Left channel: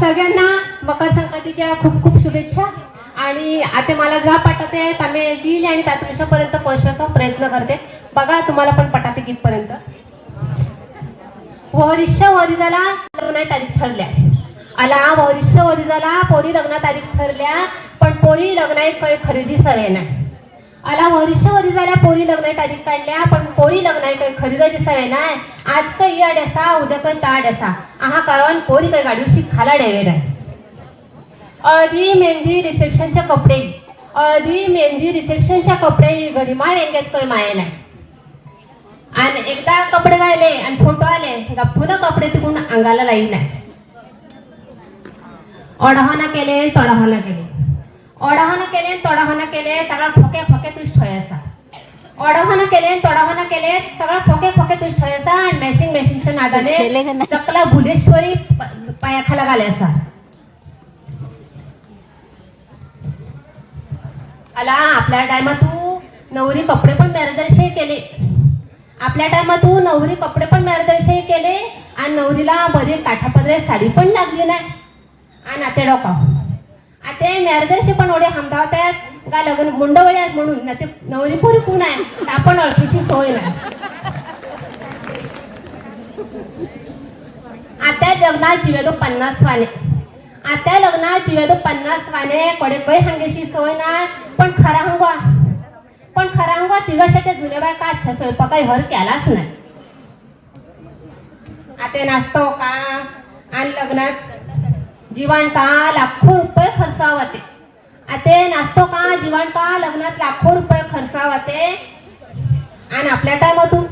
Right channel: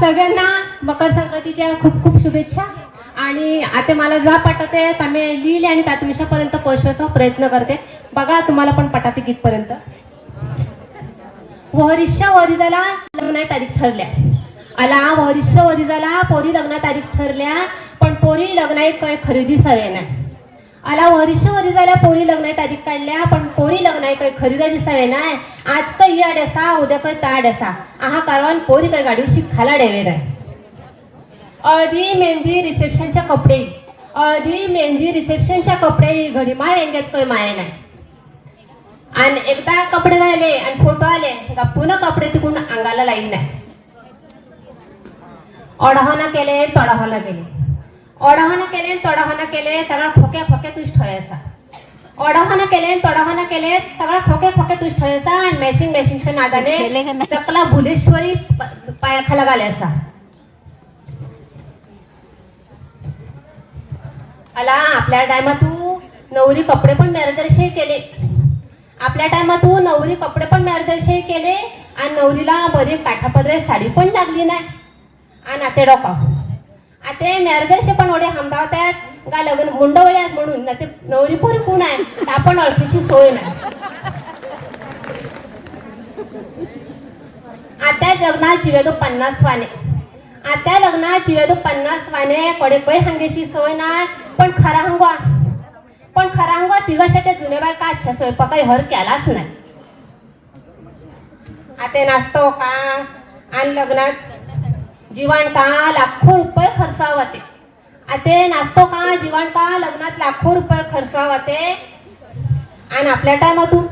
सगळ्यांना मकर संक्रांतीच्या खूप खूप शुभेच्छा. आणि आता मला जा पटाते आम्ही लिहिले आणि त्या तुमच्यापर्यंत पोहोचवायचा प्रयत्न करते. बघा तुम्हाला पण पटाते कितपर्यंत वरिष्ठ वरिजाला लग्न तारीख ठरल्या. आला वरिष्ठ वरिजाला पोरी लग्न तारीख ठरल्या पण पोरी लग्नात काही खरेदी सगळे नाही. आला वरिष्ठ वरिजाला पोरी लग्न तारीख काढल्या पण पोरी लग्नात काही खरेदी सवय नाही आज काही आड असा उद्या काही ताड असा. आहा कारण पोरी काही गाडीशी खाला डेवेर आहे. अर्धी मेहंदी रिसेप्शनच्या कपडे. अर्धी मेहंदी रिसेप्शनच्या कपडे घडी माय यांच्यात काही माया नाही आणि एकदा कपडे राहिले आणि फोटो आले का पुन्हा कपडे तिकडून अंगाला लाई नाही अडहना केले तडहना केले. ओढावना केले तोडावना केले सगळा खोके खोके तुझ ठेवायचा ओढावना केले तोडावना केले सगळा खोके खोके तुझ ठेवायचा आणि मॅशिंग मॅशिंगच्या नादाने? चकला भुलेश्वरी पायाखाला घालायचा. आला आपल्या टायमात तू नवरी कपडे पण मार्गदर्शन केले. आपल्या टायमात तू नवरी कपडे पण मार्गदर्शन केले आणि नवरीला बरी काठापदरे साडी पण लागली नाही. आणि आता डोका ते मार्गदर्शन पण ओढे हमदावतात का लग्न मुंडवळे आहेत म्हणून? ना ते नवरी पण कोण आहे? आपण अडचीशी सोय नाही. आता लग्नात जिवेदो पन्नास वाले. आता लग्नात जिवेदो पन्नास वाले. कडे बै हांगेशी सोय नाही. पण खरा हंगवा. पण खरा हंगवा तिघाशा ते जुने बाय का अच्छा स्वयंपाकाई हर केलाच नाही. आता नाचतो हो का? आणि लग्नात जीवन का लाखो रुपये खर्चावाते. आता नाचतो का जीवन का लग्नात लाखो रुपये खर्चावाते. आणि आपल्या टायमातून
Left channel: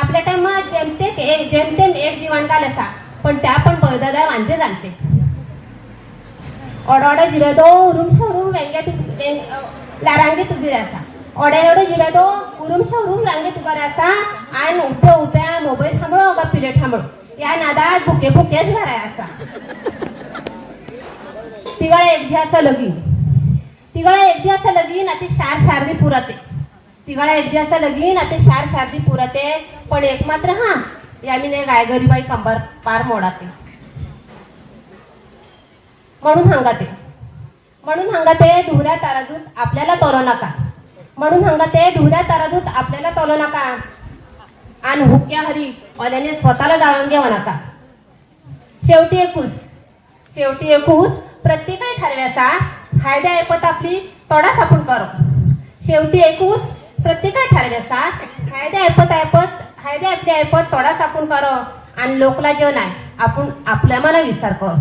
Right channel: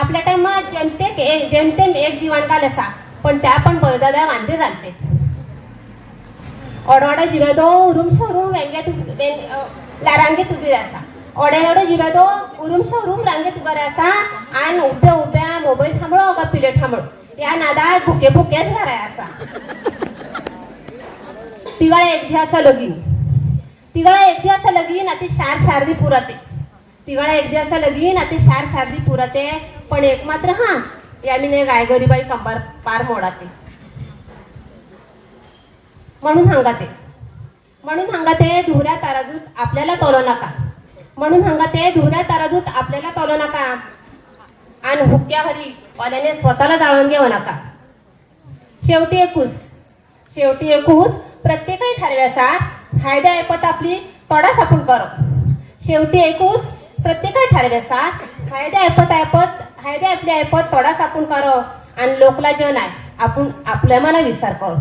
आपल्या टायमात जेमतेम एक जेमतेम एक जीवन काल असा पण त्या पण बळदादा वांदे चालते ओडोडे जिल्हा तो उरुमशा उरुम वेंग्यात रांगेत उभी राहता ओड्यालोडे ओडे तो दो उरुम रांगे तुगर असा आणि उभ्या उभ्या मोबाईल थांबळो का पिले थांबळो. या नादात भुके भुकेच घराय असा. तिघा एक लगीन. तिघा एक लगीन आता शार शारदी पुराते तिघा एक लगीन आता शार शारदी पुराते पण एक मात्र हा यामीने गायगरीबाई कंबर पार मोडाते. म्हणून हंगाते. म्हणून हंगाते धुऱ्या तराजूत आपल्याला तोलो नका. म्हणून हंगाते धुऱ्या तराजूत आपल्याला तोलो नका. आणि हुक्या हरी वाल्याने स्वतःला जाळून घेऊ नका. शेवटी एकूच शेवटी एकूच प्रत्येकाने ठरव्याचा फायदा ऐपत आपली तोडा सापून कर. शेवटी ऐकून प्रत्येकाने ठरव्याचा फायदा ऐपत ऐपत फायदा आपल्या ऐपत तोडा सापून कर. आणि लोकला जे नाही आपण आपल्या मना विचार कर.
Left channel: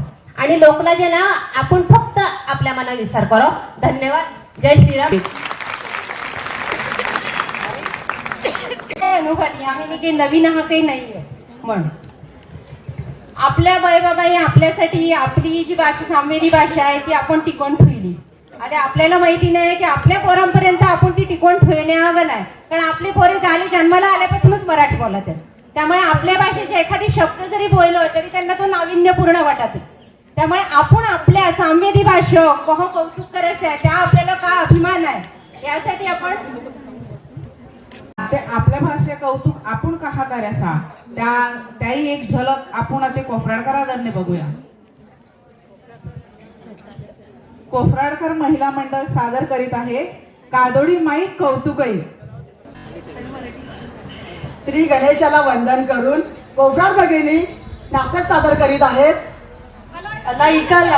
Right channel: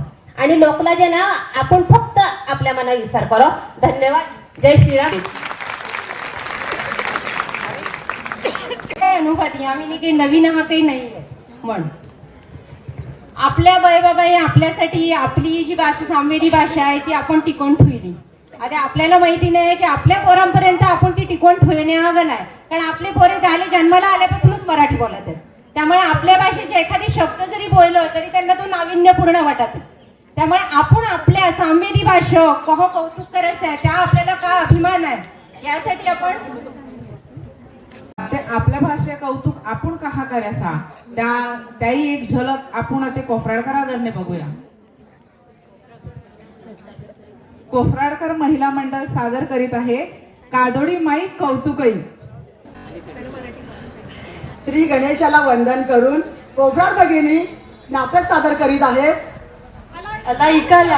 आणि लोकला जे ना आपण फक्त आपल्या मना विचार करो. धन्यवाद. जय श्रीराम. अनुभवली आम्ही काही नवीन हा काही नाही? म्हणून आपल्या बाई आपल्यासाठी आपली जी भाषा सामवेदी भाषा आहे ती आपण टिकवून ठेवली. आता आपल्याला माहिती नाही की आपल्या पोरांपर्यंत आपण ती टिकवून ठेवण्यावर आहे. कारण आपले पोरे झाले जन्माला आल्यापासूनच मराठी बोलत आहेत. त्यामुळे आपल्या भाषेचे एखादी शब्द जरी बोललो तरी त्यांना तो नाविन्यपूर्ण वाटत त्यामुळे आपण आपल्या सामवेदी भाषा कह कौतुक करायचं आहे त्या आपल्याला का अभिमान आहे? यासाठी आपण आपल्या भाषे कौतुक आपण कहा करायचा त्या त्याही एक झलक आपण ते कोफराडकरांनी बघूया कोफराडकर महिला मंडळ सादर करीत आहे कादोडी माईक कौतुकई श्री गणेशाला वंदन करून कोफराड भगिनी नाटक सादर करीत आहेत आता इकल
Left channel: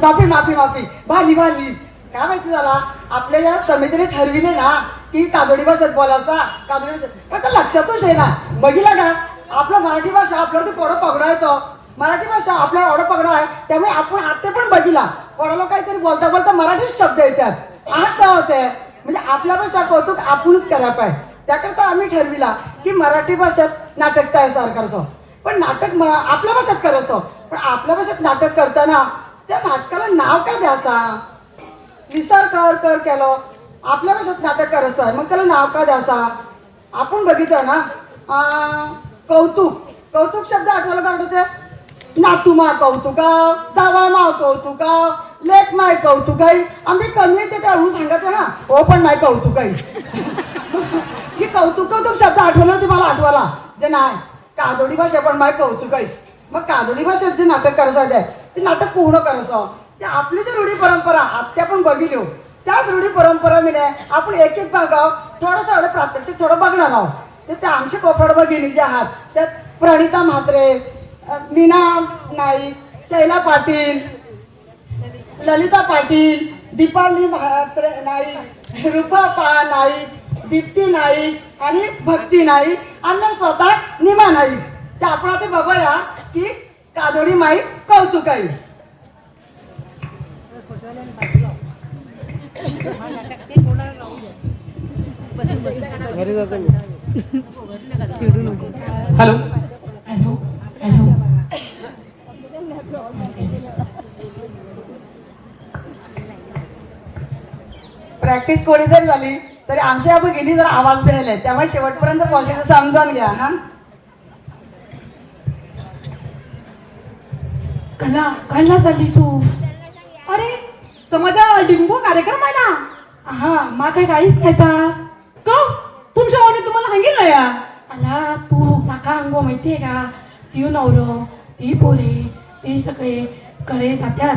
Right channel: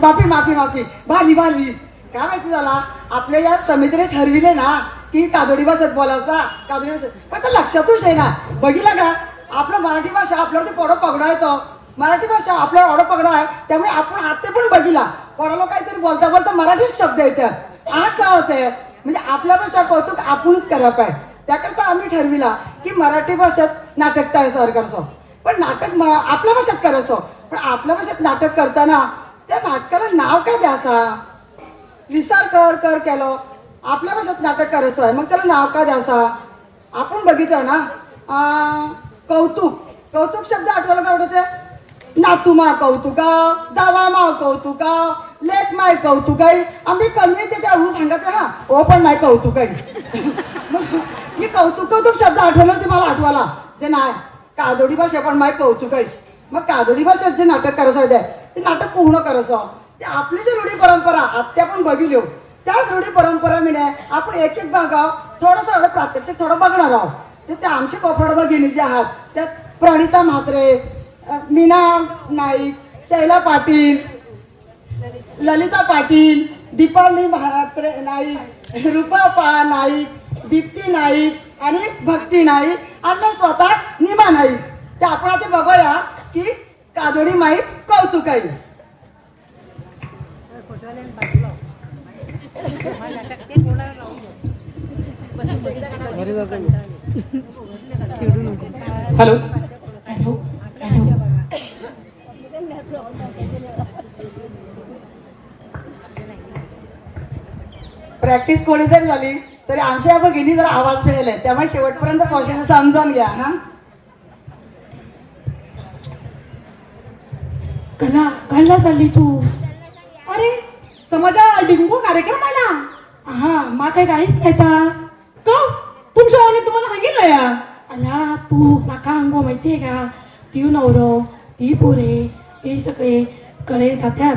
माफी माफी माफी भाजी भाजी काय माहिती झाला आपल्या या समितीने ठरविले ना की कादोडी भाषेत बोलायचा कादोडी भाषेत. आता तर लक्षातच आहे ना बघितला का? आपलं मराठी भाषा आपल्यावरती पोडं पगडा येतो. मराठी भाषा आपल्यावर ओढं पगडा आहे त्यामुळे आपण आता पण बघितला. कोणाला काहीतरी बोलता बोलता मराठीच शब्द येतात. आज काय होते म्हणजे आपल्या भाषा कौतुक आपणच करायला पाहिजे. त्याकरता आम्ही ठरविला की मराठी भाषेत नाटक तयार सरकारचं पण नाटक आपल्या भाषेत करायचं. पण आपल्या भाषेत नाटक करताना त्या नाटकाला नाव काय द्यायचा? विचार कर कर केलो. आपल्या भाषेत नाटक करायचं आहे मग त्याला नाव का द्यायचा? आपण बघितलं ना कौतुक. कौतुक शब्द आठवलं का आवडते नातू माय कौतुका जावा माव कौतुका लेख माय कौतुकाई आम्ही कमी येते ते हळू सांगायचं ना ओ पण माय कौतुकाई ही कौतुक कौतुक शब्द आठवला ते मला आठवला जे नाही कादोडी भाषा पण माय कौतुक आहे मग कादोडी भाषेत जे नाटक करायचं आहे ते नाटक पूर्ण करायचं ते आपली जी रूढी परंपरा आत्या पण बघिलो हो. त्याच रूढी परंपरा मी नाही आपण एक एक बघाव थोडंसं प्रात्यक्षिक थोडं बघणार आहोत. तर त्या आमचे कोपराड भगिनी जे आहात त्यात प्रणिता म्हात्रे मीना नाईक शैला पाटील ललिता पाटील दीपावली म्हात्रे नाईक रुपा पा नाईक दीप्ती नाईक आणि भक्ती नाईक आणि स्वतः निमा नाईक. ते आपण आता बघूया की कादोडी माई कौतुक आहे हॅलो प्रॅक्टिस थोडी जरी झाली तरी आमच्या या भगिनी जर आवाज द्यायला त्यामुळे शेवटपर्यंत प्रोसेस समजावून घ्या हा. कला कला झाली तू? अरे समाजा डिंबू कार्यक्रम आहे ना? हा मा काही काहीच नाही का का तुमच्या वाणी तुम्हाला सांगितलं या? अला तू काका अंगो माहितीये का? ती नवरो ती पोरे हे सगळे कडे जात्यात.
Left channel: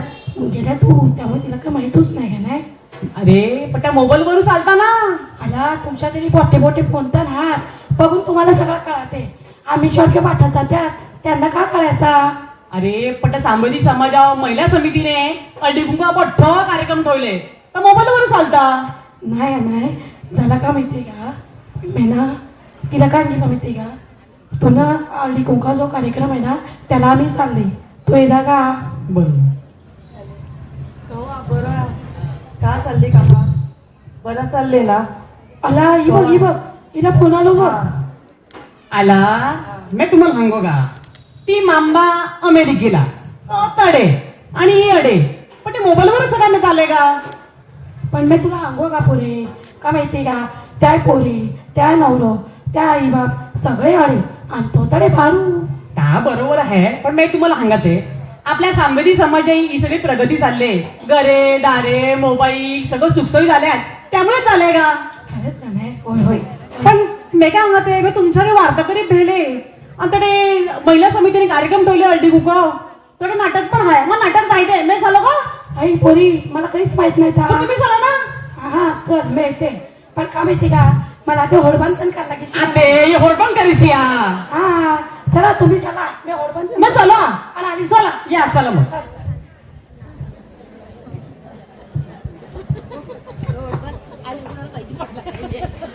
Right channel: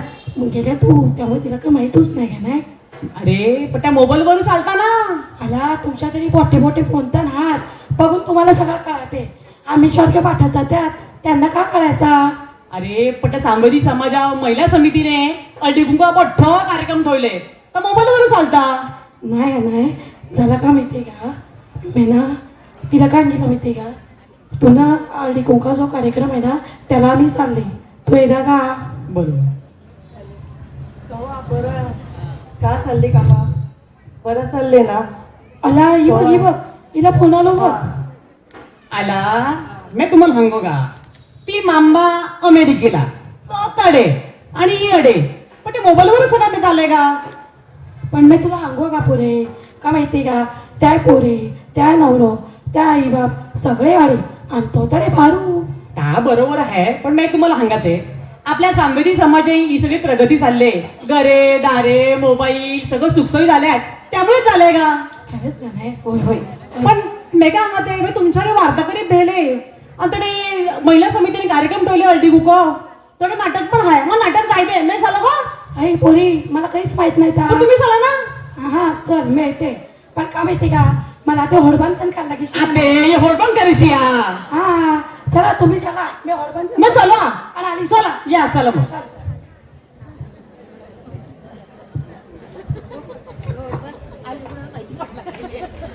गेल्या तू त्यामुळे तिला काही माहितच नाही नाही? अरे पण त्या मोबाईल वरून चालता ना आला तुमच्या तरी मोठे मोठे फोन तर ना. बघून तुम्हाला सगळं कळते. आम्ही शॉर्ट पाठत जात्यात. त्यांना का कळायचा? अरे त्या सामाजिक समाजा महिला समितीने अडिगुंगा मोठं कार्यक्रम ठेवले. तर मोबाईल वरून चालता नाही नाही. झाला का माहितीये का? मेना तिला काय नाही का माहितीये का? तू ना आली कोंका जो कार्यक्रम आहे ना त्याला आम्ही चालले तू येदा का? बरोबर बरं. का चालले का बरं चालले ना. आला ही बघ ही बघ. हिला फोन आलो बघ. आला? मी तुम्हाला सांगू का? ती मांबा अमेरिकेला. तडे आणि ही अडे पण ते मोबाईल वरून सगळ्यांना आलंय का? पण मी तुला सांगू का पोरे? का माहितीये का? त्या पोरे त्या नवरो त्या आई बाप सगळे आले आणि तो तडे फारू. का बरोबर आहे पण मी तुम्हाला सांगते. आपल्या सांवेदी समाजाही ही सगळी प्रगती चालले घरे दारे मोबाईल सगळं सुखसोयी झाल्या त्यामुळे चालय का? खरंच का नाही? होय होय. पण मी काय म्हणते तुमच्याकडे वार्ताकरी भेले आणि त्याने महिला समितीने कार्यक्रम ठेवले अल्टी बुक त्याकडे नाटक पण आहे. मग नाटक जायचंय मी झालं का? आई पोरी मला काहीच माहीत नाही पण का तुम्ही चला ना. हा चल मिळते. पण का माहिती का? मला ते होडबंद पण करायला की करीशी या. हा चला तुम्ही चला. मी होडबंद मग चला. आणि आली चला. या चला मग.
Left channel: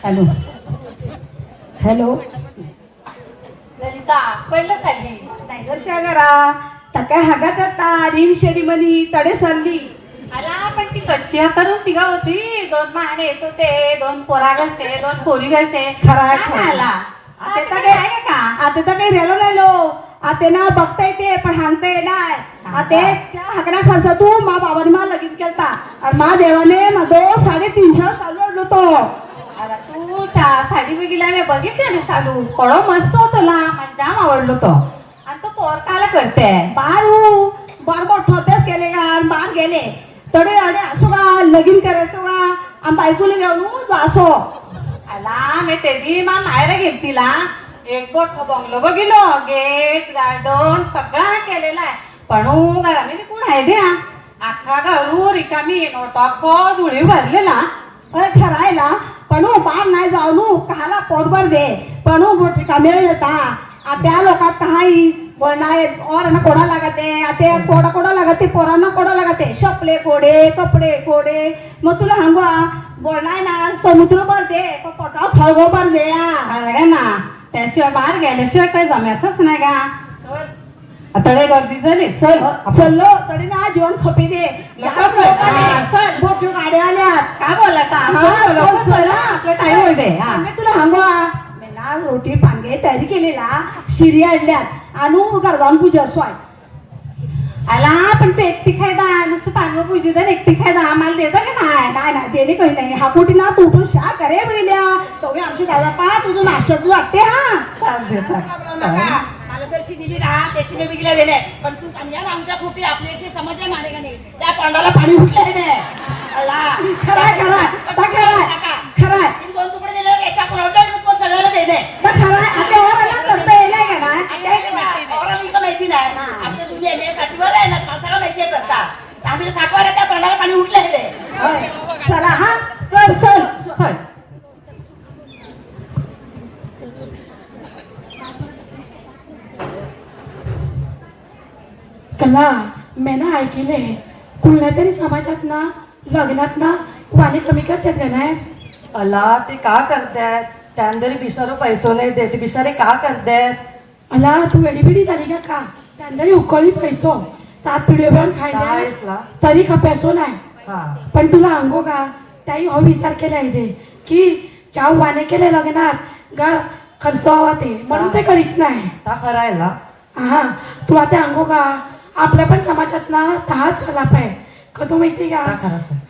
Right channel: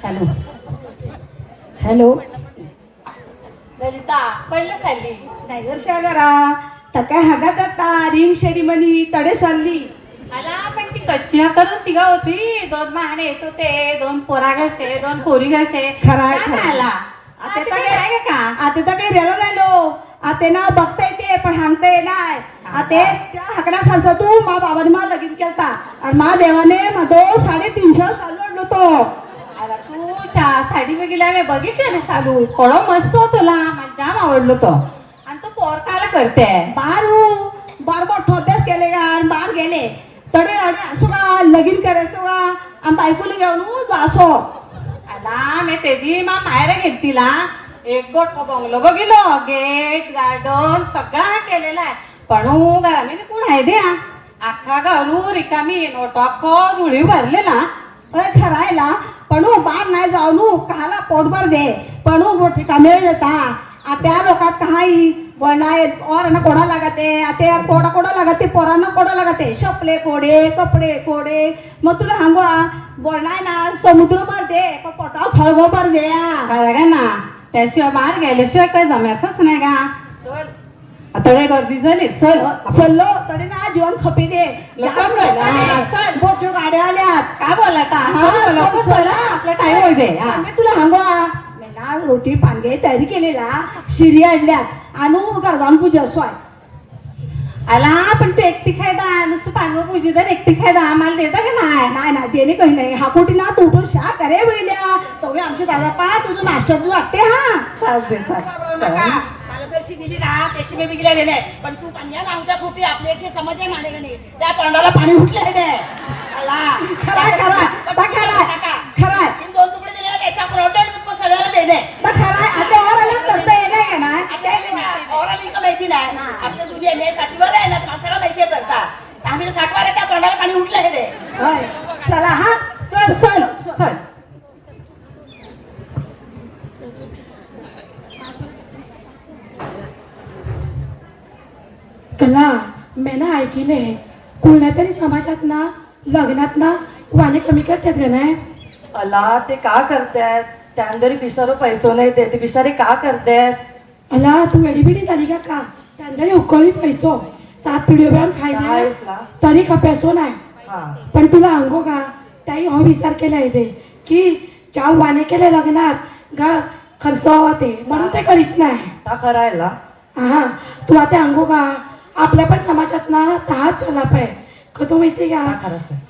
हॅलो. हॅलो ललिता पहिलं चालली तक्या हागात आता? रिंग शेरीमनी तडे चालली. आला पण ती कच्ची करून तिघा होती. दोन माहणे येत होते दोन पोरा घरचे दोन पोरी घरचे खरंय, काय खरंय. आला? आता तर काय का? आता तर काही रेलो नाही लो. आता ना बघता येते पण हांगता येणार. आता त्या हाकरा खर्च तू मा बाबाने मा लगीन केलता. आणि मा देवाने मा दो साडेतीनशे चालू आणलो तो. आला तू साडी बघितल्या बघितले ना चालू पडो मस्त होतो ला मला जाम आवडलो तो. करते. बारू बार मोठा अभ्यास केले का बाहेर गेले. तडे अडे असो का लगीन करायचो का आणि बायकोला घेऊन असो. आला मी तेजी मा मायरा घेतलीला एक बोट बंगलो बघिलो गेट गार्डन सगळं केलेलं आहे. पण घराने कोण आहे द्या? अख्खा घरू रिकामी नोटो अख्खो धुळी भरलेला. अरे खरायला पणू बार नाही जाऊन काला पोटभर दे. पणू मोठे कामेळ देता. आ त्या लोकात काही और कोडा लागते? आता कोडा कोडा लागते? पोरांना कोडा लागते? शपले कोडे कपडे कोडे. मग तुला सांगवा वळणाय ना समुद्र भर दे पण पोटाव फळगो भर दे आ. काय ना? त्याशिवाय बाहेर गेल्याशिवाय काही जमायचंच नाही का? आता लय गर्दी झाली. चल चल्लो तरी ना जीवन खपी दे. काय? चल. गाड्या आल्यात. काय का? हा, हा. आपले हा. आम्ही तुला आज रोटी पांगे तयारी केलेला शिरी आणल्यात. आणू गरजान पूजा सोय. आला पण ते एकटी खायदा नुसतं पांग पूजी जर एकटी खायदा आम्हाला देता का नाही? नाही नाही त्याने काही नाही. हा कुठे ना तू तो शा करे बैल्या. तेवढे आमची दादा पा तुझं नाश्ता तुझं वाटते हा? चालते मार्गदर्शी दिली ना त्याशी मी बिगल्या दिले पण तू पंजाब आमच्या कुठे आपले समाज आहे माडे का नाही? त्या तोंडाला पाणी फुटले रे खराय खराय आता खराय खराय दोन तुकडे दिले रेषा पुरवठा आणि मग तो सगळ्याला दे दे तर खराय आता वर आला करता येणार का नाही आहे ना आपली सुनी एम ए साठीवर आहे ना तुम्हाला सगळं माहिती आहे करतात आम्ही साठवर आहे त्या तोंडाला पाणी उठलं हे रे होय. चला हा चल चल चल कला मी ना ऐकले कुठल्या तरी समाजात ना लग्नात ना वाणे कमी करतात का नाही अला ते का करतायत? त्यांदरी बिचारो पैसो नाही देते बिचारे का करतायत? अला तू एडीबिडी झाली का का? त्यांना उकळी पैसो सात आहेस खायला? तरी का पैसो नाही? पण तुला अंगो का? त्याही हो विचार केला इथे की ज्या वाणे केले लग्नात ग खर्च हवा ते म्हणून ते करीत नाही. करायला हा तू आता अंगो का? आपल्या पण समाजात ना तहाच झाला पाय. का तू माहिती का?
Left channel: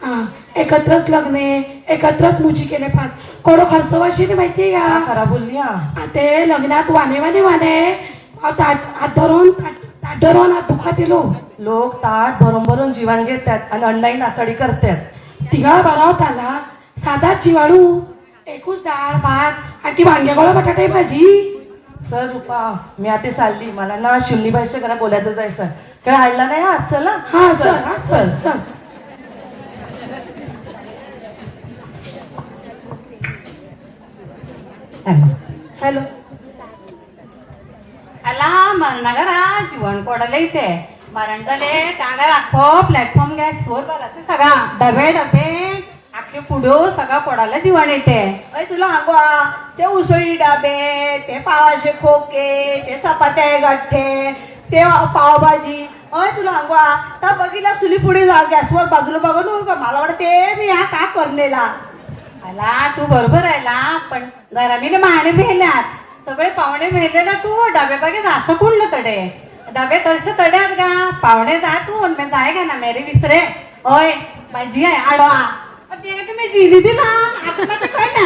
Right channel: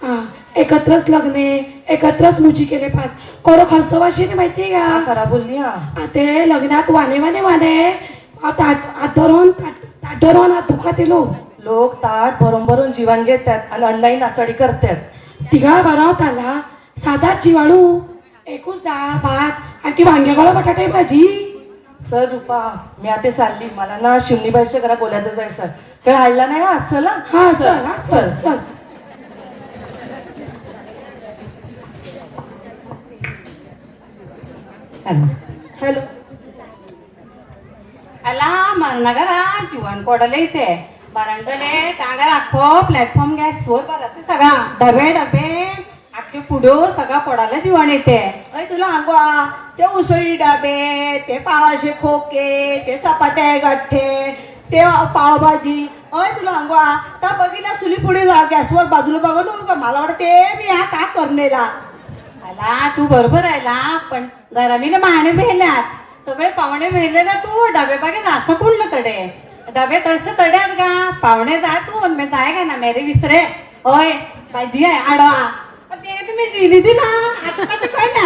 हा एकत्रच लग्ने एकत्रच मुची केले पाच कोरो खर्च वाशी माहिती का? करा बोलली ते लग्नात आ ताट आत धरून ताट धरून हात दुखा लो लोक ताट भरून भरून जीवन घेतात आणि ऑनलाईन आसडी करतात. तिघा बरावत आला साधा चिवाळू एकूच डाळ भात आणि ती वांग्यागोळा बटाटे भाजी. सर रुपा मी आता चालली. मला ना शिवली भाषा करा बोलायचं जायचं काय हाडला नाही ना चला हा चल चल. हॅलो. अला మన जीवन జీవన్ इथे. మరంగలే तांगार राखो प्लॅटफॉर्म गॅस स्टोर बघायचं सगळा. डबे डबे. आखे पुढे सगळा पडायला जीवन येते. अरे तुला अंगवा ते उसळी डबे ते पावाचे खोके ते सपाते गठ्ठे तेव्हा पावभाजी अय तुला सांगा तर बघितला सुली पुढे जा गॅसवर बाजूला बघा नको का मला वाटते मी हा का करणेला तू बरोबर राहिला पण गरमीने माने भेल्यात सगळे पाहुणे भेले ना तू डबे बघे जास्त कुठलं तडे. डबे तडसे तड्यात का पाहुणे जा तू म्हणणे जाय का ना मेरे विसरे होय माझी आहे आडवा. ते मी जिली दिला.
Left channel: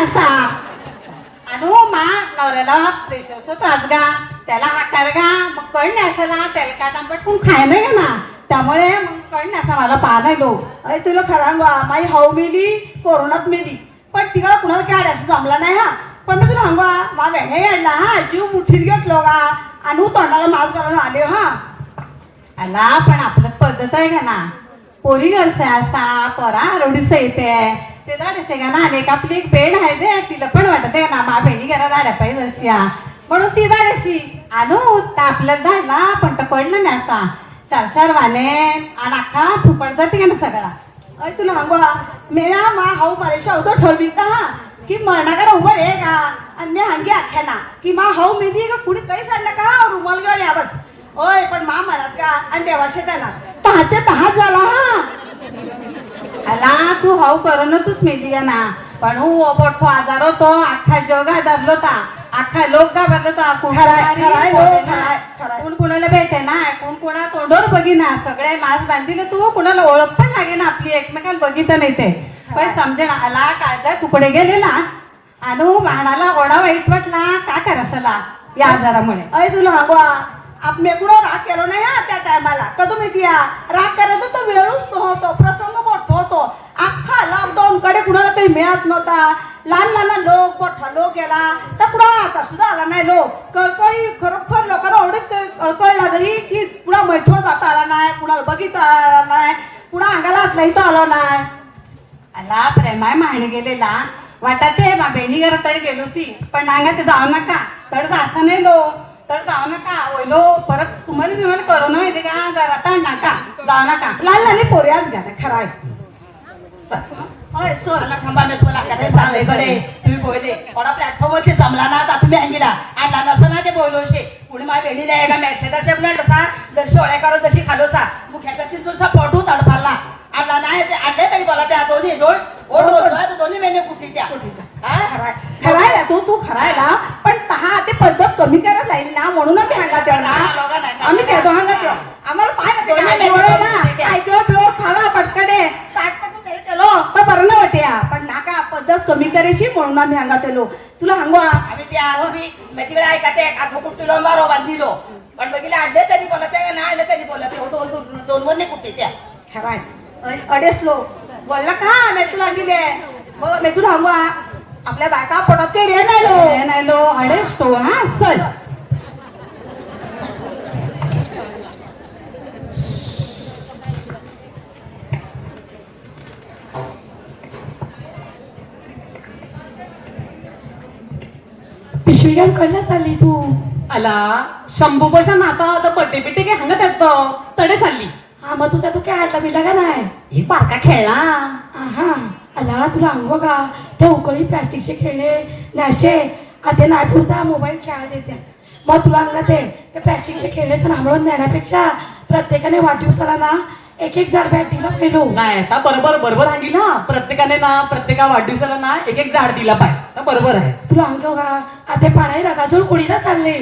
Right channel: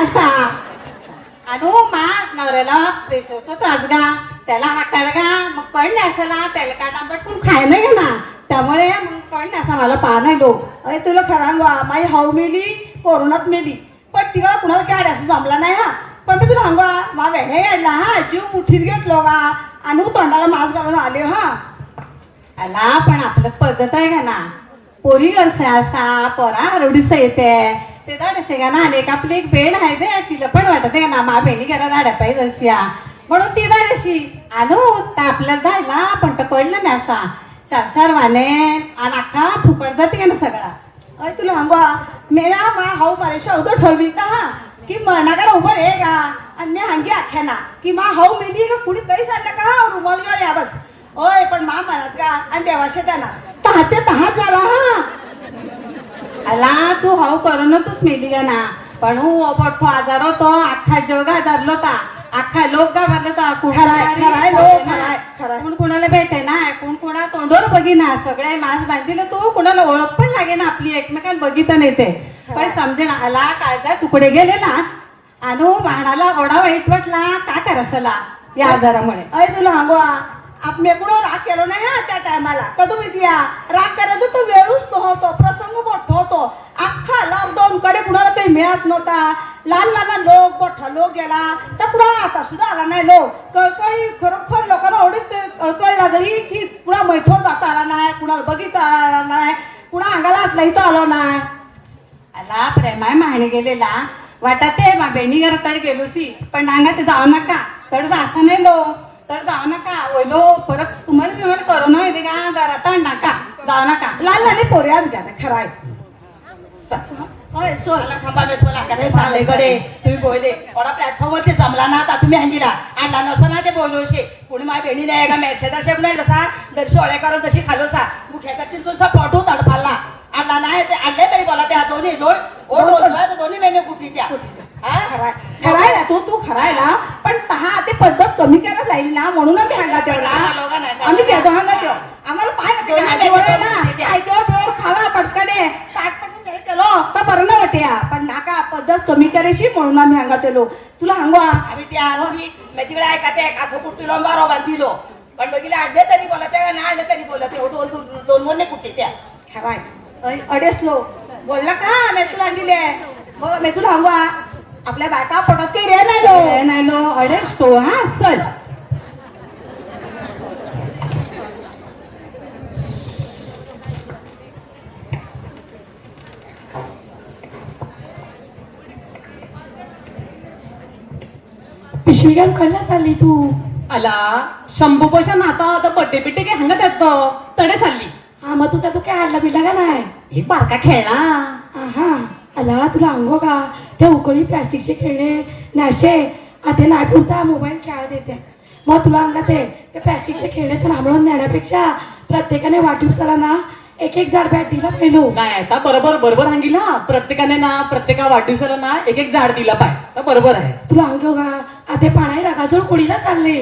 आता अनु मा नवऱ्याला प्रेशरचा त्रास गा त्याला हाकार गा मग कळ न्यासाला त्याला का तांबट कोण खाय नाही ना त्यामुळे मग कळ न्यासा मला पा नाही लो. अरे तुला खरं अंगवा माझी हाऊ मेली कोरोनात मेली. पण तिला कुणाला काय असं जमला नाही हा. पण मी तुला हंगा मा वेळे ना हा जीव मुठीत घेतलो गा आणि तोंडाला मास्क घालून आले हा. अला पण आपलं पद्धत आहे का ना? पोरी करसे असा परा हरवडीच येते ते झाडसे का ना का आपली एक बेड आहे दे तिला पण वाटत आहे ना मा बेडी घरा झाड्या पाहिजे अशी. म्हणून ती झाडशी आणू त्या आपल्याला झाडला पण तो कळलं नाही असा. चार चार वाने आणि अख्खा फुकट जाते का ना सगळा? अरे तुला अंगवा मेळा मा हाऊ मारे शब्द ठरवी का? हा की मरणाकडे उभं रे का? अन्य मी आख्याना की मा हाऊ मेली का कुणी काही सांगलं का? रुमाल घेऊन यावंच ओय पण मा म्हणत का? आणि देवाशे त्यांना तहाच्या तहाच झाला हा. अला तू हाऊ करोनातच मेली का ना पण हू ओपटतो आजार होतो अख्खा जग आजारलो ता अख्खा लोक ता खराय, खराय. कोण कोणाला भेटे ना कोण कोणा तोंडवर बघिना सगळे मास्क बांधिले तू कोणाला ओळख पण लागे ना आपली एकमेकांना बघित नाही ते पण समजे ना आला काळजा तुकडे गेलेला आणि वाडाला ओढा वाईट वाटला का करायला या आजारामुळे अरे तुला अंगवा आपण कुणा राग केलो नाही हा त्या टायमाला तर तुम्ही दिया राग करायचो तो वेळूच नव्हतो होतो. अख्खा लॉकडाऊन कडे कुणाला काही मिळत नव्हता. लहान लहान लोक मोठा लोक गेला. तर कुणा आता सुद्धा आला नाही लोक. कळकळी खरोखर लोकांना एवढी कळकळ लागली की कुणा मैठोर जाता आला नाही कुणाला बघिता आला नाही कुणा अंगाला हातला इथं आला नाही. आला प्रेमाय माहणी गेलेला. वाटत ते मा बहिणी घर तड गेलो ती. पण अंगा ते जाऊ नका. तर जायचं नाही लो तर जाऊ नका. ओयलो परत तुम्हाला अडेच लोक बोलला का? मेथून आणले हो, मेथून हंगवा आपल्या बायका पोटात काही रे नाही लो. रे नाही लो. अडेच तो हा? चल. पिशवी घेऊन कळलंच आली तू? आला. शंभू पोशा नाता आता बड्डे बिड्डे घे हंगत येतो तडे चालली. हा मग तुला तू काय आणलं बिडलं का नाही ही बारका खेळला हा आला तुला अंगो का त्या उकळी प्लास्टिकचे खेळले नाशे आता नाही पुरता मोबाईल खेळायला देते मग तुला अंगा ते ते प्लास्टिकचे खेळले तर थांबवून नेण्यापेक्षा प्रत्येकाने वाढदिवसाला ना एक एक झाड बॅटीला पेलो नाही आता बरोबर बरोबर सांगी ना प्रत्येकाने ना प्रत्येका वाढदिवसाला ना एक एक झाड दिला पाय बरोबर आहे तुला अंग का आता पाणी नकाजून कुडीला चालले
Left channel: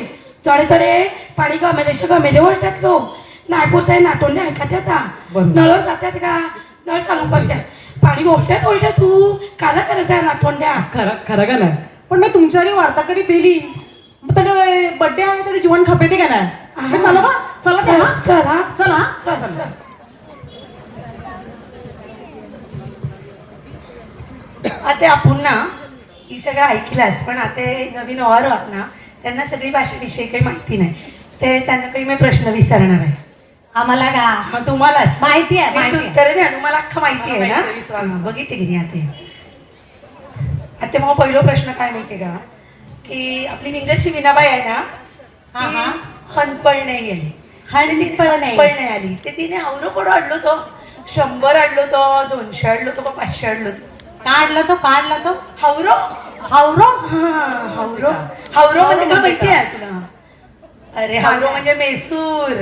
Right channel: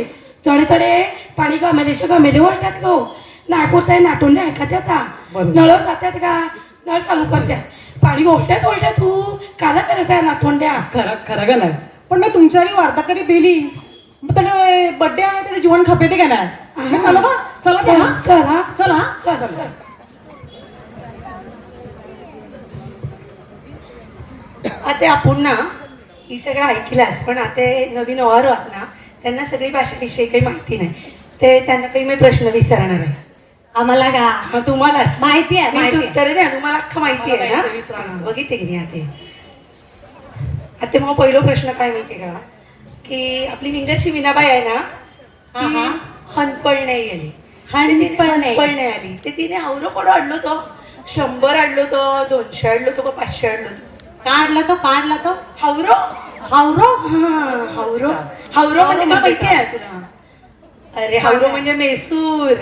चढे चढे पाणी गमेलेशे गमेले ओळखतो नाही पुरताय नाटोंडे ऐकत येता बरोबर. नळ जातात का? नळ चालू करतात. पाणी ओढत्यात ओढत्या तू? काला करायचं आहे नाटोंड्या खरं खरं का नाही? पण मी तुमच्याकडे वार्ता कधी दिली? त्याला बड्डे आहे त्याला जीवन का नाही? मी चला का? चला का? हा? चला. चला. हा? चल, चल. आता आपण ना ही सगळं ऐकलंच पण आता नवीन वर आहोत ना त्यांना सगळी भाषेविषयी काही माहिती नाही. ते त्यांना काही मी प्रश्न विचारणार आहे. आम्हाला का तुम्हालाच माहिती आहे माहिती द्या तुम्हाला अख्खं माहिती आहे ना? बघितले की नाही आता आता मग पहिला प्रश्न काय माहितीये का? की आपली मिंगरची विनाबाई आहे ना ती. हनपळ नाही आली. हनपळ नाही. हनपळ नाही आली. ते तिने आवरो कोण आणलो तो शंभर आणलो तो दोनशे आणलो तो पाचशे आणलो तो काढलं तो काढलं तो हावरो? हावरो? हा, हावरो. हावरो म्हणजे का माहिती आहे तुला? अरे हावरो म्हणजे मेसूर.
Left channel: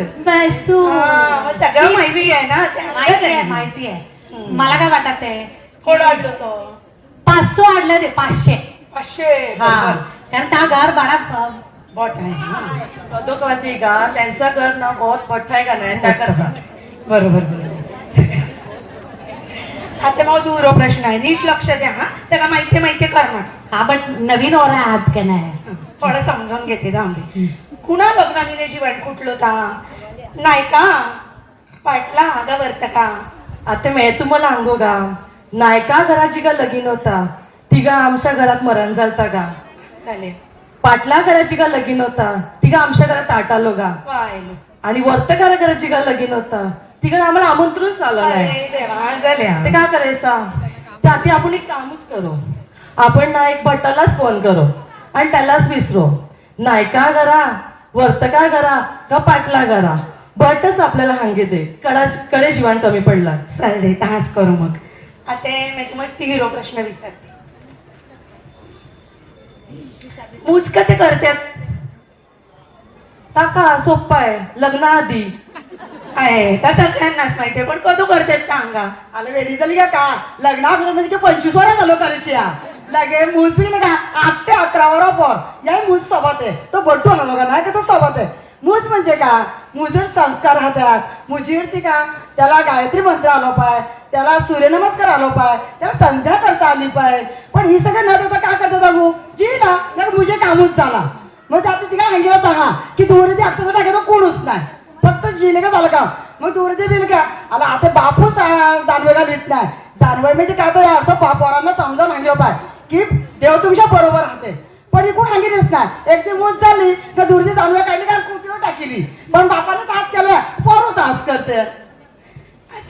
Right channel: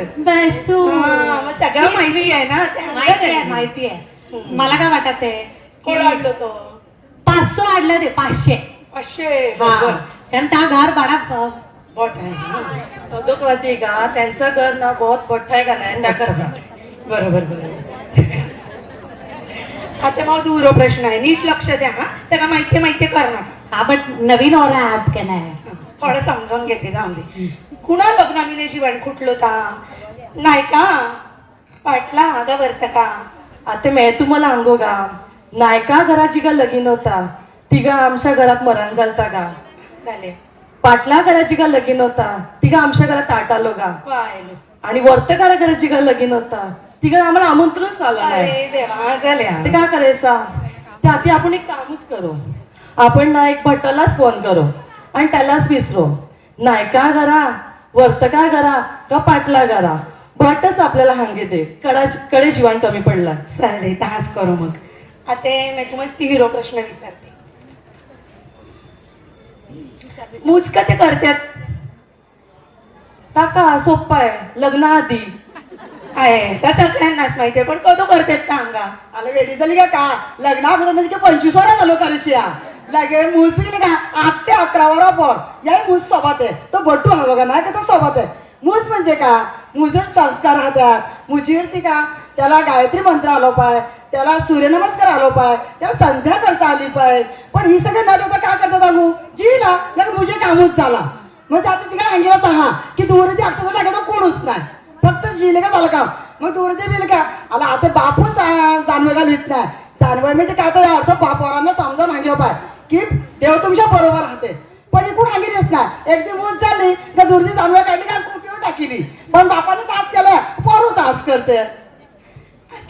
हा, मग सगळं माहिती आहे ना? ते माहिती आहे. माहिती आहे. मला काय वाटत आहे? कोण आणलो तो? पाचशे आणलं ते पाचशे. पाचशे. हा. कारण त्या घर बोट आहे. तो माहिती का? त्यांचं घर ना बहुत पठ्ठा आहे का नाही? त्या करता बरोबर बरोबर. आता मग दूर प्रश्न आहे. नीट लक्ष द्या हा. त्याला माहिती माहिती करणार आपण नवीन ओरा आहात का नाही? थोडं समजून घेते जाऊन कुणा लग्नाने वाट कुठलं का नाही का? पाटला का वर्त का आता मी तुम्हाला सांगू का नाही का घराची का लगीन होता? तिघा आमच्या घरात मरण झालता का पाटला घराची का लगीन होता. तिघा आमच्या घरात ताट आलो का पाहिलं. आणि वर्तकारा घराची का लगीन होता. तिघा आम्हाला आमंत्रणच आलं नाही. ते काय करायचं? त्याआधी आपण एक कामच करू. आपण ना एक भट्टालाच फोन करू. आणि त्यालाच विसरू. नायका घरा वर्तका घरा? का पाटला घरा? भटच आपल्याला हांगे कडा कडे जीवन कमी पडला. चालेल तास करू मग. आता मी तुम्हाला तिरो प्रश्न विचारते. मुचका ते करतात काका सोप्पा आहे. लग्नाआधी आहे. त्या सगळ्यांनाच माहितीये. पण कधी करतात सांगा. आलं वेळी झाली का का? लग्न अगोदर म्हणजे पंचवीस वर झालो करशिया लगे मूस पिले का आठ ते अकरा वर पर या मूज सोबत आहे तो बट्टू हवा का नाही का तो सोबत आहे? मूज म्हणजे का? मुजर संस्कार राहतात मुजीवरती का? त्याला गायत्री मंत्र आलो पाय त्याला सूर्यनमस्कार आलो पाय त्याला संध्या करता आली पाय. पण ही सगळं नाटक देता काय करतात अगू? जी ना लग मुझे कामूच झाला. म्हणजे आता तिला अंगीला हा की दूर ते अक्षर टाकायचं कोणच नाही. फक्त जिले का झालं का? मग दूर ते बिल का? आता आता बापूस जाणवे का लिहित नाही. जाणवे म्हणजे काय तर अर्थ बापारांना समजा सांगितलं पाय की देव तुमच्या बरोबर राहते पण एकूण सांगितलेच नाही एक दिवस झाली का दूरची जाणवे काढली का कुठीवर टाकली पण बापाने तास केलं पोरू तास करते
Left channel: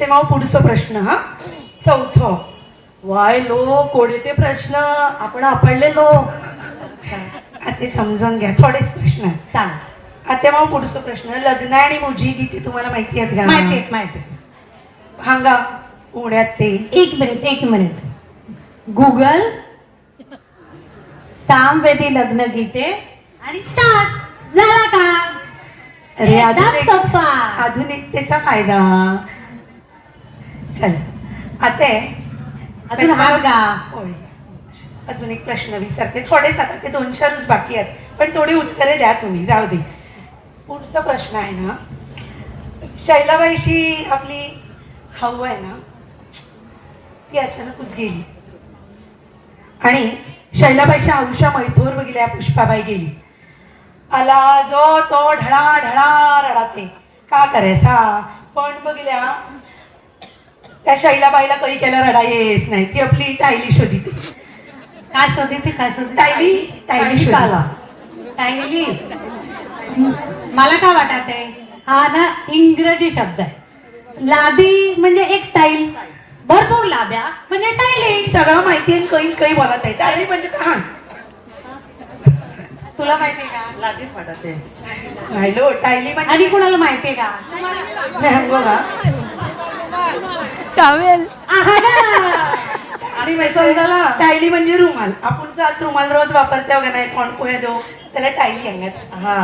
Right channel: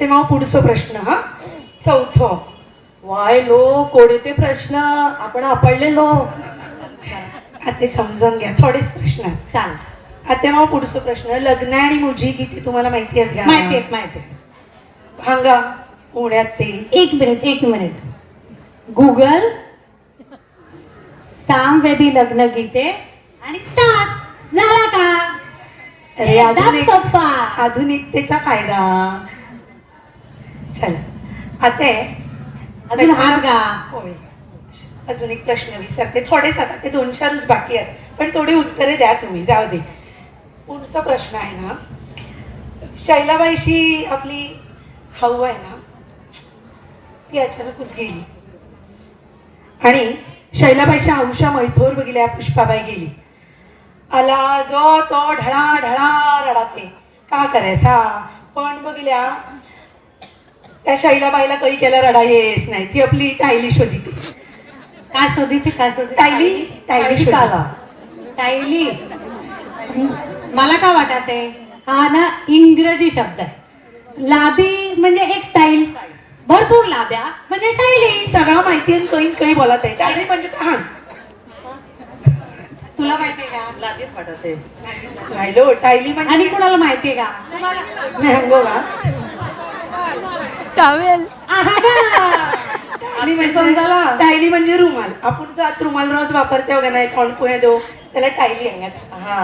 ते मग पुढचा प्रश्न हा. चौथं. वाय लो कोडे ते प्रश्न. आपण आपडलेलो आता ते समजून घ्या. थोडेच प्रश्न आहेत. चाल आता मग पुढचा प्रश्न. लग्न आणि मुजी किती? तुम्हाला माहिती आहेत आहे, माहिती आहे. पुण्यात ते. एक मिनिट एक मिनिट. गुगल सामवेदी लग्न गीते आणि स्टार्ट झाला का? आधुनिकतेचा फायदा. चल. आता अजून हात गा. होय. अजून एक प्रश्न विचारते थोडेच आता ते दोन चारच बाकी आहेत. पण थोडी उत्तरे द्या तुम्ही. जाऊ दे. पुढचा प्रश्न आहे ना. शैलाबाईशी आपली हाऊ आहे ना? ती अचानकच गेली. आणि शैलाबाईच्या अंशा मैथोर बघितल्या पुष्पाबाई गेली. आला जो तो ढळा ढळा रडाते. का करायचा? पण बघल्या त्या शैलाबाईला काही केला रडा येत नाही. ती आपली टायली शोधिते. काय शोधते? काय शोधते? टायली टायली. आला टायली. मला काय वाटत आहे हा ना इंग्रजी शब्द आहे. लादी म्हणजे एक टाईल. भरपूर लाद्या म्हणजे टायली सगळं माहिती आहे, काही काही बोलत आहे टायली म्हणजे हा. तुला माहितीये का? लाजेच वाटते राहिलो टायली म्हणजे आणि कोणाला माहितीये का? आणि मी समजाला टायली म्हणजे रुमाल. आपण सात रुमाल रोज वापरते वगैरे नाही कोण पोहे दो त्याला टायली अंगत हा.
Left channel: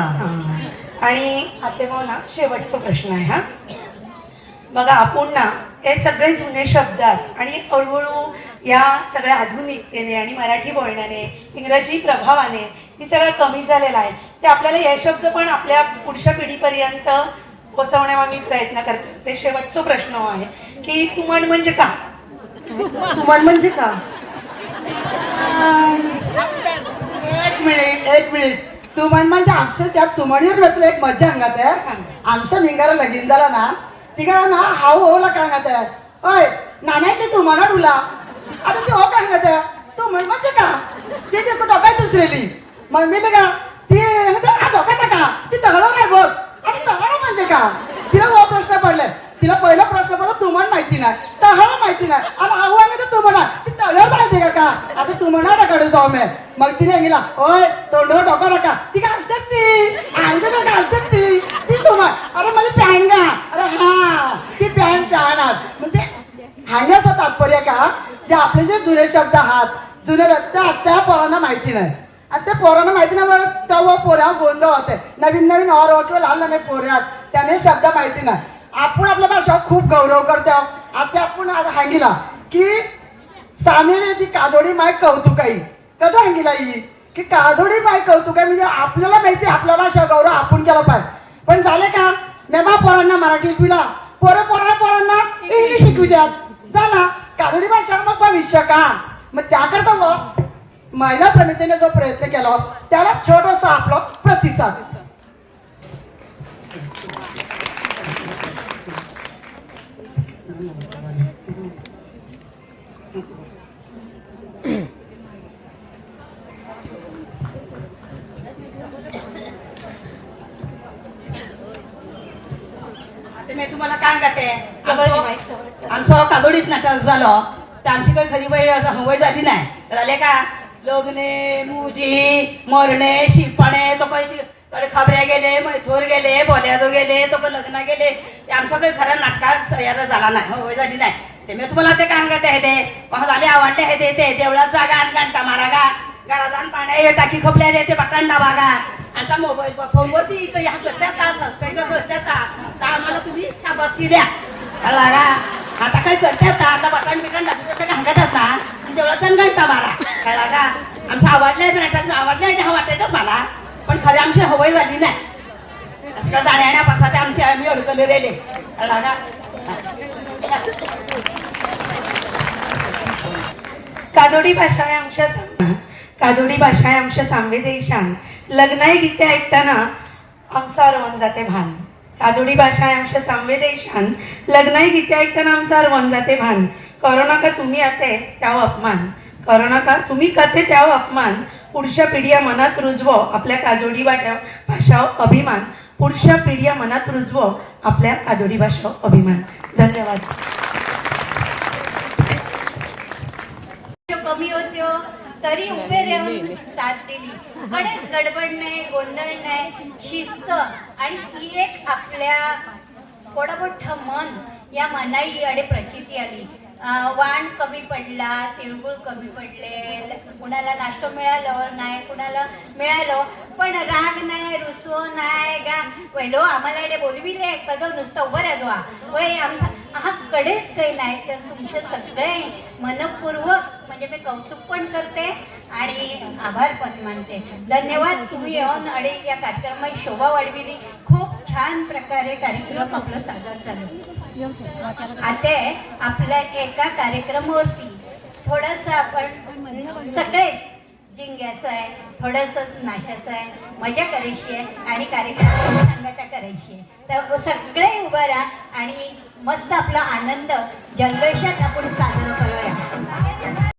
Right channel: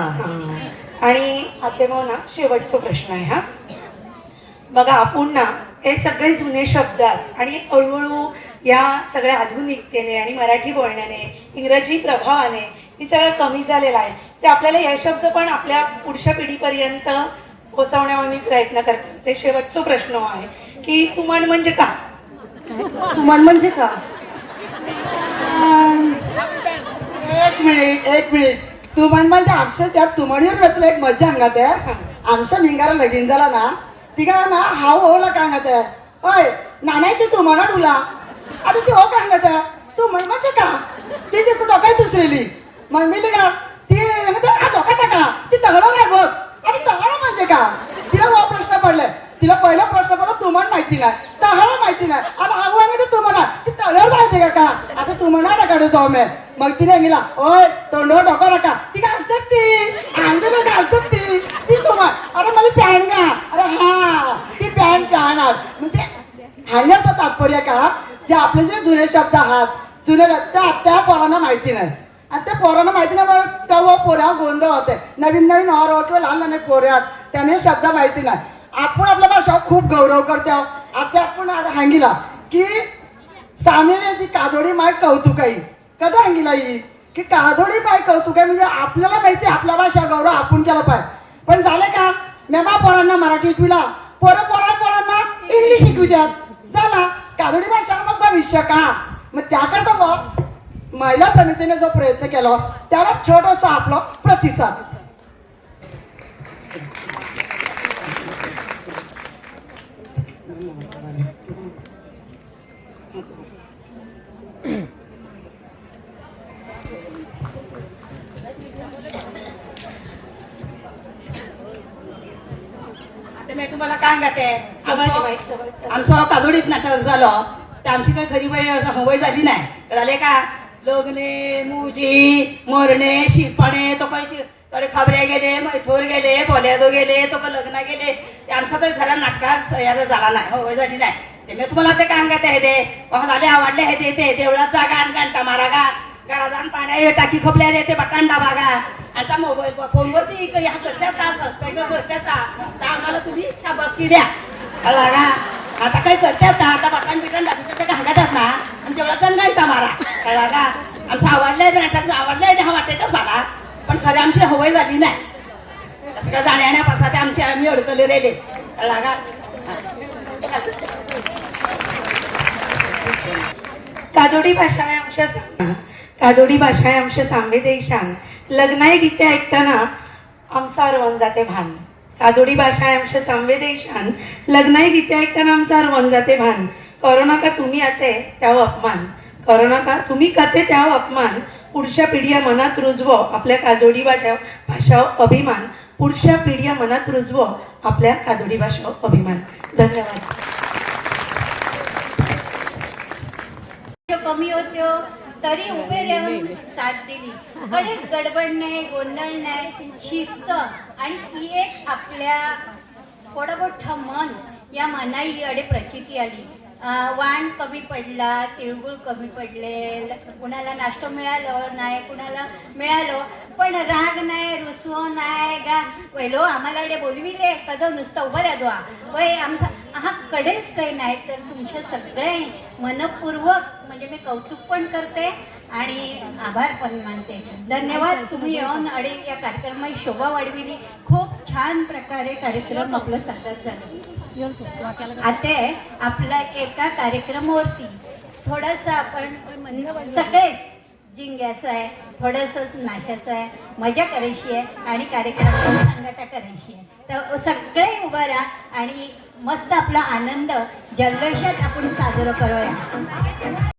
आणि आता मग ना शेवटचा प्रश्न आहे हा. बघा आपण ना हे सगळे जुने शब्द आहेत आणि हळूहळू या सगळ्या आधुनिकतेने आणि मराठी बोलण्याने इंग्रजी प्रभावाने ही सगळं कमी झालेलं आहे. ते आपल्याला हे शब्द पण आपल्या पुढच्या पिढीपर्यंत पोचवण्याचा मी प्रयत्न करते ते शेवटचा प्रश्न आहे की तुमण म्हणजे का? तुमण म्हणजे का? एक मिनिट एक मिनिट. तू म्हण म्हणजे आमच्या त्या तुमणीवर एक मजा अंगात आहे. आमच्या मिंगारा लगीन झाला ना तिघा ना हाव होला काय आहे. अय नाण्याचे तू म्हणा तुला. आता ती हो काय आहे. तू म्हण का? ती तू डोकाय दुसरेली? मग मी का? ती म्हणते, "आ, डोक्याचा का? ती तगडं नाही बघ. आणि तगडं म्हणजे का? तिला तो प्रश्न पडले तिला पहिला प्रश्न पडला तुम्हाला माहिती नाही. तहळ माहिती नाही. आता आऊ आहे म्हणजे तू म्हणा. ती तळ्यावर जायचे का का? आता तू म्हणा ना काढू जाऊ मी. मग तिने गेला ओय तोंडावर डोका नका ती घालतात ती. अंगाला घालतात ती. ती तू अरे मला पॅन्ट घा हा ती पॅन्ट राहणार. म्हणजे हाण्याचं तात्पर्य का जे आपले जे जुने शब्द आहात जुने रस्ते त्या पोरांना माहिती नाही. आणि त्या पोरांना माहिती नाही मला तेव्हा पोऱ्या गोंधळ होते नवीन नवीन और किंवा लहान लहान पोऱ्या त्याने शब्द माहिती नाही. आपण आपल्या भाषा खूप गौरव करतो. आता आपण आज हांगिला की सामी ती कादोडी माय कौतुक आहे कदा हांगिला ही? की कादोडी माय कौतुक आहे म्हणजे आपल्याला माहिती आपला भाषा गौरव आपण केला पाहिजे. पण झाले का? मेबा पोरांना मराठी शिकविला. पोरं पोरा पोरांना इंग्लिश शिकवी झाला कादोडी भाषा मग भविष्य का मग त्याकरता मग महिला समितीने जो प्रयत्न केला त्याला छोटासा आपला प्रतिसाद. आता मी तुम्हाला काय आमचं- आमचं कादोडीत नाटक झालं तर आमची काही खरी बाई असं हवय झाली नाही. झाले का? लग्ने मुजी मरणे शिरपणे तो काही थोडे खबऱ्या गेले मैथोर गेले बोल्यादो गेले तो काही लग्न गेले. ते आमचं काही खरं नाटकात सह्याला झाला नाही हवय झाली नाही. ते मी तुम्हाला ते काय सांगते आहे ते झाले आवडले आहे ते. देवळात जागा आणि घंटा मारा गा. गळादान पाण्या हे टाकी खपल्या येते ते बागा आता मोबाईल फोनवरती इकडे ह्या करत्यात का सबस्क्राईबर करत्यात का तर आम्हाला तुम्ही शाबासकी द्या. कळलं आता काय करतात ना आता बटन बिटन टाकून ते? असता आणि तेवढा तण गायता मारा. काय का आमचं आवडलंय नाटक आवडलंय हा वाटायचंच मला. पण खरं आमची हवय झाली नाही. असं का जाण्यापासून ते आमचे आम्ही अडकले रेले. कळलं का कादोडी भाषा आहे आमच्या कादोडी भाषा आहे आमच्या सांवेदेशान लग्नाई गीते ऐकताना आमचा रवण जाते भान. कादोडी भाषा आहे आमच्या सांवेदेशान लग्नाई गीते ऐकताना आमचा रवण जाते भान. करोना का तुम्ही आते त्यावं अपमान. करोना का तुम्ही कथे त्याव अपमान. पुढच्या पिढी मनात रुजवो आपल्या काजोडी वाट्या भाषावर अभिमान. पुढच्या पिढीया मनात रुजवो आपल्या कादोडी भाषावर अभिमान. धन्यवाद. कमी होत्यो हो. तरी उभे राहून साथ दिली कडेच गडबड नाही गोंधळ नाही शिस्त. आणि ही एक आपल्या थोडं मोठं मन या मनाई अडे प्रचिती आली. वाण कमी पडला तिळगुळ कमी पडले. कुणाला नाश्तो मिळालं नाही कुणाला मिळालं. पण राग नाही रुसवो नाही गा वयलो आम्हाला अडे बोलविले. कदम नुसतं उभं राहतो वय आमचा हा कडेच काही नाही तर तुमचे सगळे मनपूर्वक म्हणजे मी कौतुक पण करते आणि आभार पण मानते. धन्यवाद तुम्ही येऊन अडे या कार्यक्रमाची शोभा वाढविली. खूप छान प्रकारे कार्यक्रम आपलं सादर झालं. आता आपल्या एका कार्यक्रमावरती थोडस आपण सगळे जिंगायचं आहे थोडस नाचायचं आहे मजा करायची आहे आणि कार्यक्रम संगता करायची आहे. तर सगळे उभं राहा आणि मस्त आपला आनंद जल्लोषात आपण साजरा करूया.